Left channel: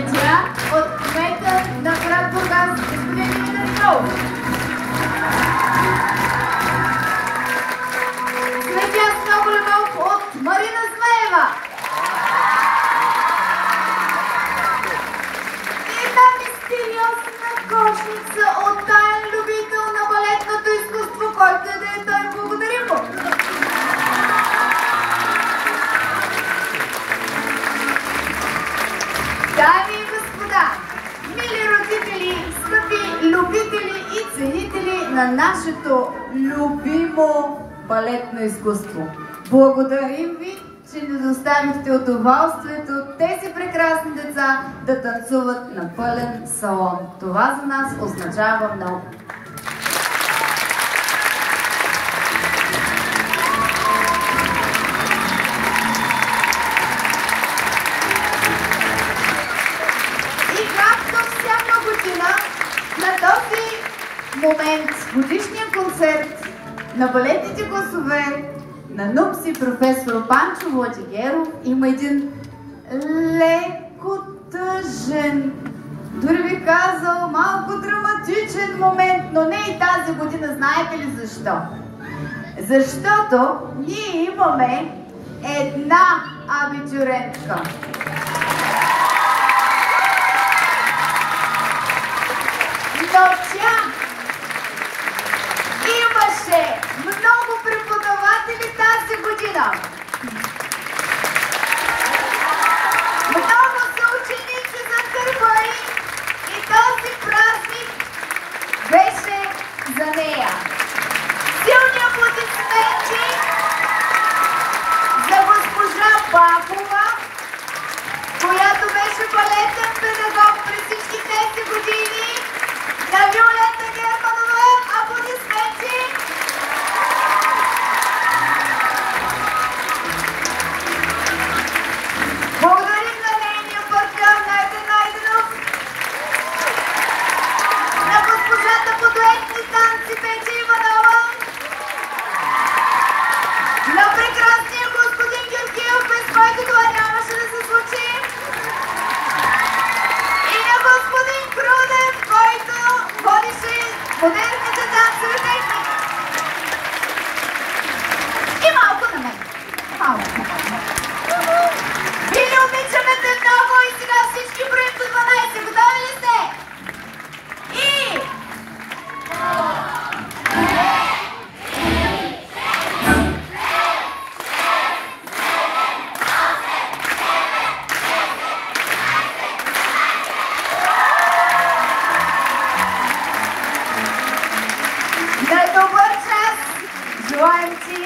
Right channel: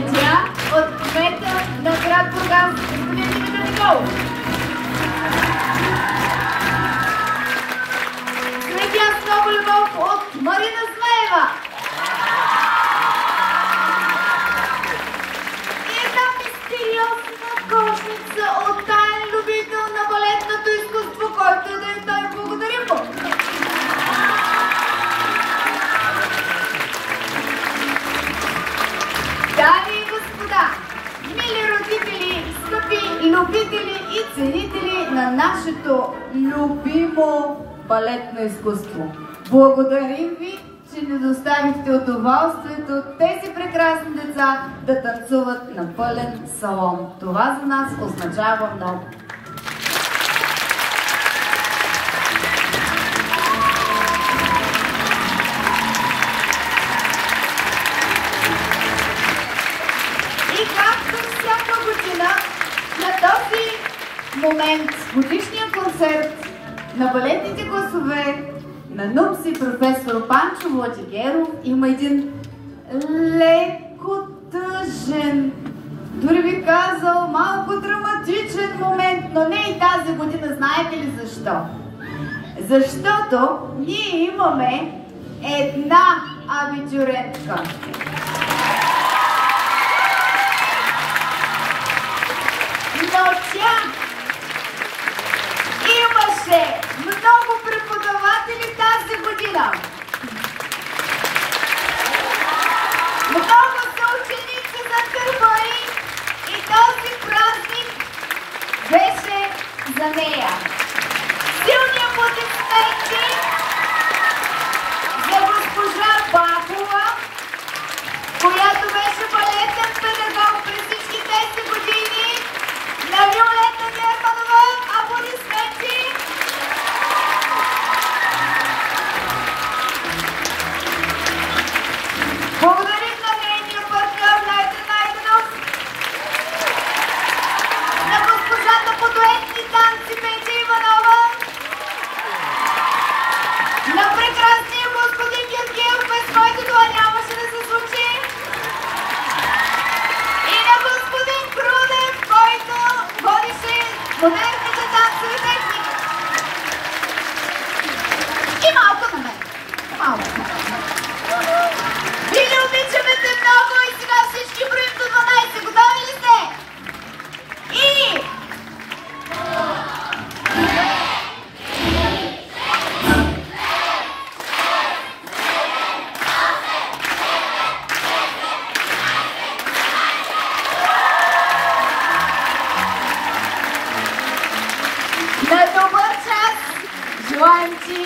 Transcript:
Цветя от кмета на град Бургас, господин Димитър Николов. Цветя с много любов от Марина Змеева. И една мистериозна кошница от таен любител на балетното изкуство, който да е той. Благодарим му! Дами и господа, мили родители, скъпи любители и ценители на нашето любимо балетно изкуство, благодарим ви, че ни доставихте удоволствието тези прекрасни деца да танцуват на пълен салон. Това за нас означава много. И както всяка година, на този момент, годишния концерт на балетните гласове на НУПСИ професор Панчо Владигеров има един леко тъжен, дори би казал малко драматичен момент, но не и тази година. Знаете ли защо? Защото ние имаме една абитюрентка. Но тя имаше много преподаватели тази година. Много са ученици за търбари и този празник беше за нея. Силни аплодисменти за госпожа Бахова, която беше балетен педагог през всички тези години. На Виолета Германова аплодисменти! Благодарим на нейния партньор Найден Найденов, на госпожата по дуетни танци Петя Иванова, на прекрасния господин Георгиев, без който това нямаше да се случи, и на господин Крудев, който водише модерните танцови техники. И малко на мен. Малко. И не обичаме те много и сега всички броим до 12. Готови ли сте? И... На добър час! Желаем ти